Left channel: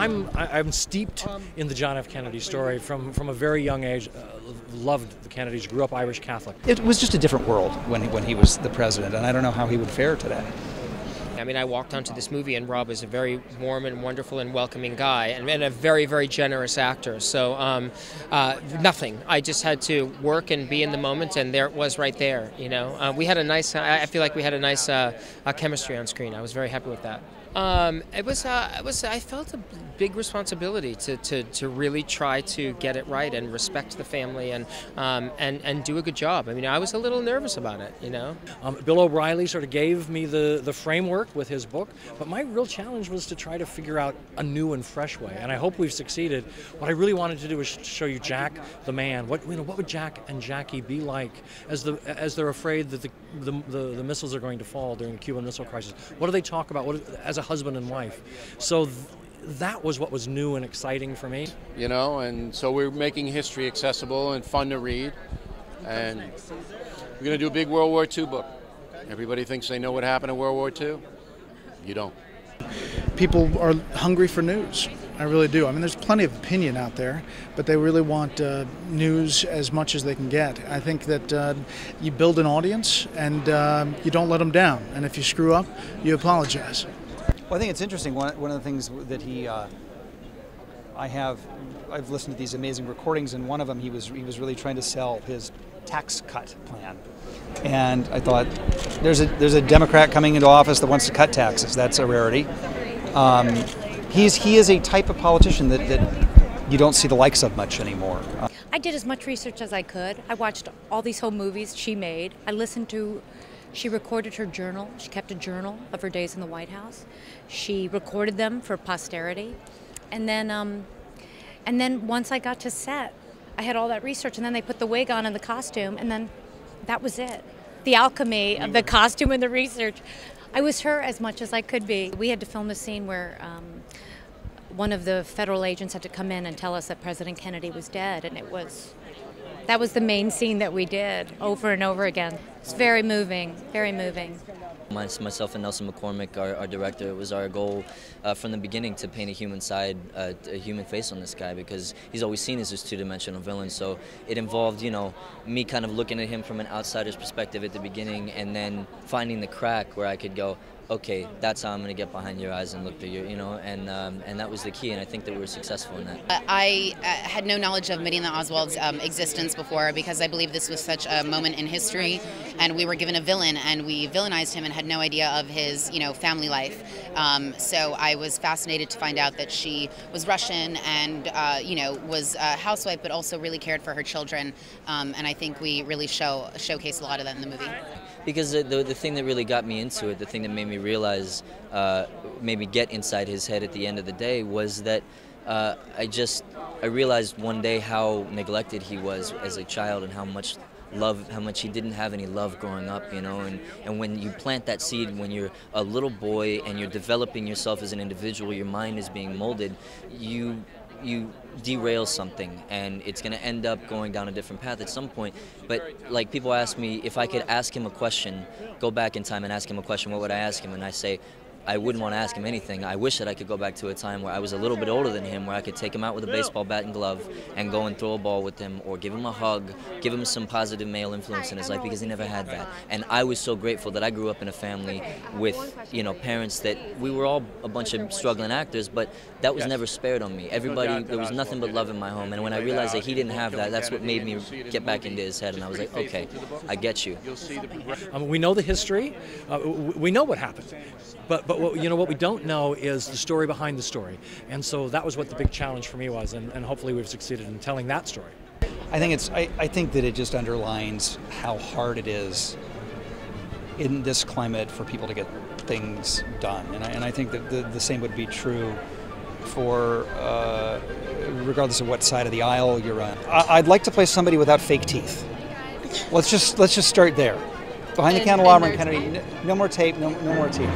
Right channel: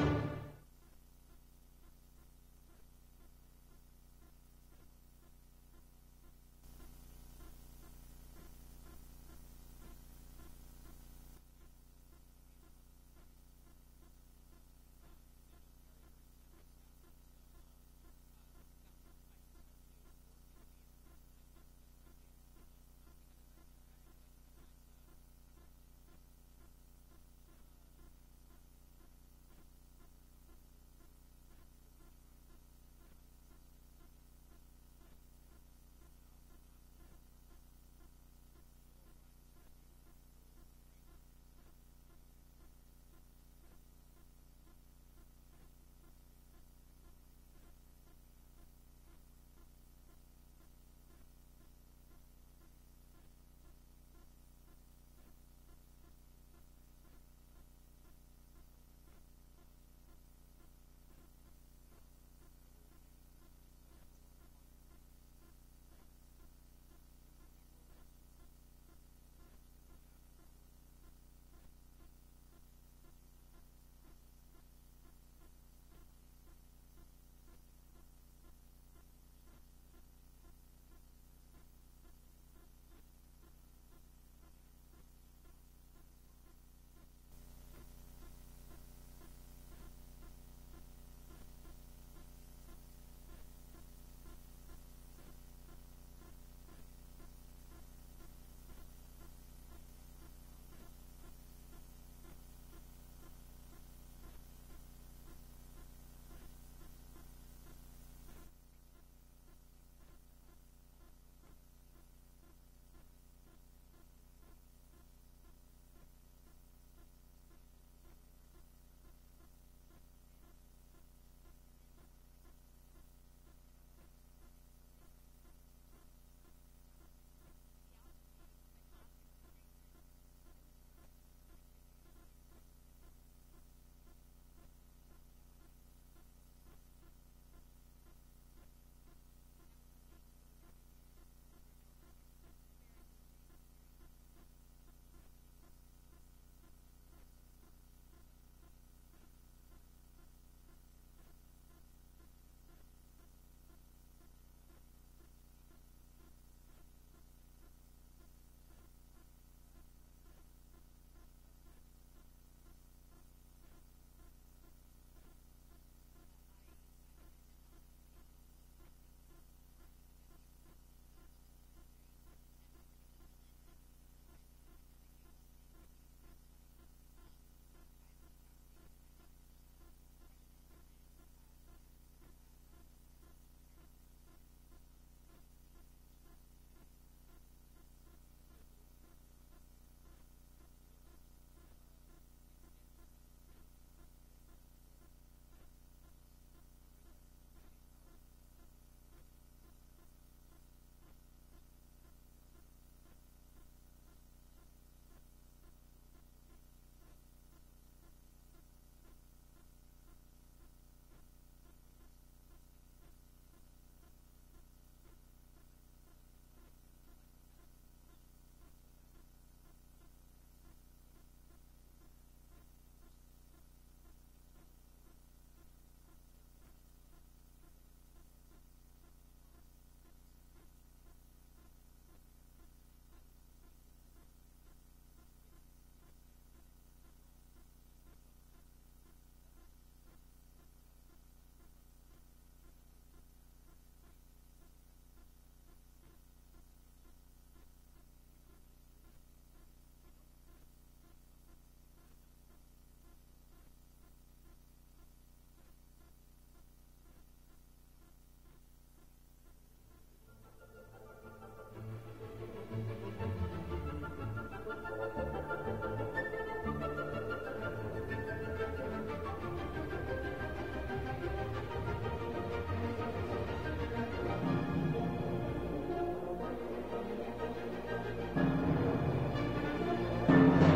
I'm steeped in the John F. Kennedy story from a very young age. Loved the Kennedys, grew up Irish Catholic. It was just a different world when he was the president, and I don't know how he would fare today. I mean, I walked onto this movie, and Rob is a very warm and wonderful and welcoming guy, and a very, very generous actor. So nothing. I just had to work and be in the moment, and there it was right there. You know, we had a nice. I feel like we had a nice chemistry on screen. I was very happy with that. It was. I felt a big responsibility to really try to get it right and respect the family and do a good job. I mean, I was a little nervous about it, you know. Bill O'Reilly sort of gave me the framework with his book, but my real challenge was to try to figure out a new and fresh way, and I hope we've succeeded. What I really wanted to do was show you Jack, the man. What would Jack and Jackie be like as they're afraid that the missiles are going to fall during the Cuban Missile Crisis? What do they talk about as a husband and wife? So that was what was new and exciting for me. You know, and so we're making history accessible and fun to read. And we're going to do a big World War II book. Everybody thinks they know what happened in World War II. You don't. People are hungry for news. I really do. I mean, there's plenty of opinion out there, but they really want news as much as they can get. I think that you build an audience and you don't let them down. And if you screw up, you apologize. Well, I think it's interesting. One of the things that I've listened to these amazing recordings, and one of them he was really trying to sell his tax cut plan. And I thought, there's a Democrat coming into office that wants to cut taxes. That's a rarity. He is a type of politician that you don't see the likes of much anymore. I did as much research as I could. I watched all these home movies she made. I listened to. She recorded her journal. She kept a journal of her days in the White House. She recorded them for posterity. And then once I got to set, I had all that research, and then they put the wig on and the costume, and then that was it. The alchemy of the costume and the research. I was her as much as I could be. We had to film a scene where one of the federal agents had to come in and tell us that President Kennedy was dead, and that was the main scene that we did over and over again. It's very moving, very moving. Myself and Nelson McCormick, our director, it was our goal from the beginning to paint a human side, a human face on this guy, because he's always seen as this two-dimensional villain. So it involved, you know, me kind of looking at him from an outsider's perspective at the beginning, and then finding the crack where I could go, okay, that's how I'm going to get behind your eyes and look through you know, and that was the key, and I think that we were successful in that. I had no knowledge of Medina Oswald's existence before, because I believe this was such a moment in history, and we were given a villain, and we villainized him and had no idea of his, you know, family life. So I was fascinated to find out that she was Russian and, you know, was a housewife, but also really cared for her children, and I think we really showcase a lot of that in the movie. Because the thing that really got me into it, the thing that made me realize, made me get inside his head at the end of the day, was that I realized one day how neglected he was as a child, and how much he didn't have any love growing up, you know, and when you plant that seed, when you're a little boy and you're developing yourself as an individual, your mind is being molded, you derail something, and it's going to end up going down a different path at some point. But like, people ask me if I could ask him a question, go back in time and ask him a question, what would I ask him? And I say, I wouldn't want to ask him anything. I wish that I could go back to a time where I was a little bit older than him, where I could take him out with a baseball bat and glove and go and throw a ball with him, or give him a hug, give him some positive male influence in his life, because he never had that. And I was so grateful that I grew up in a family with, you know, parents that we were all a bunch of struggling actors, but that was never spared on me. Everybody, there was nothing but love in my home. And when I realized that he didn't have that, that's what made me get back into his head. And I was like, okay, I get you. We know the history. We know what happened. But what, you know, what we don't know is the story behind the story. And so that was what the big challenge for me was, and hopefully we've succeeded in telling that story. I think that it just underlines how hard it is in this climate for people to get things done. And I think that the same would be true for regardless of what side of the aisle you're on. I'd like to play somebody without fake teeth. Let's just start there. Behind the candelabra and Kennedy, no more tape, no more teeth.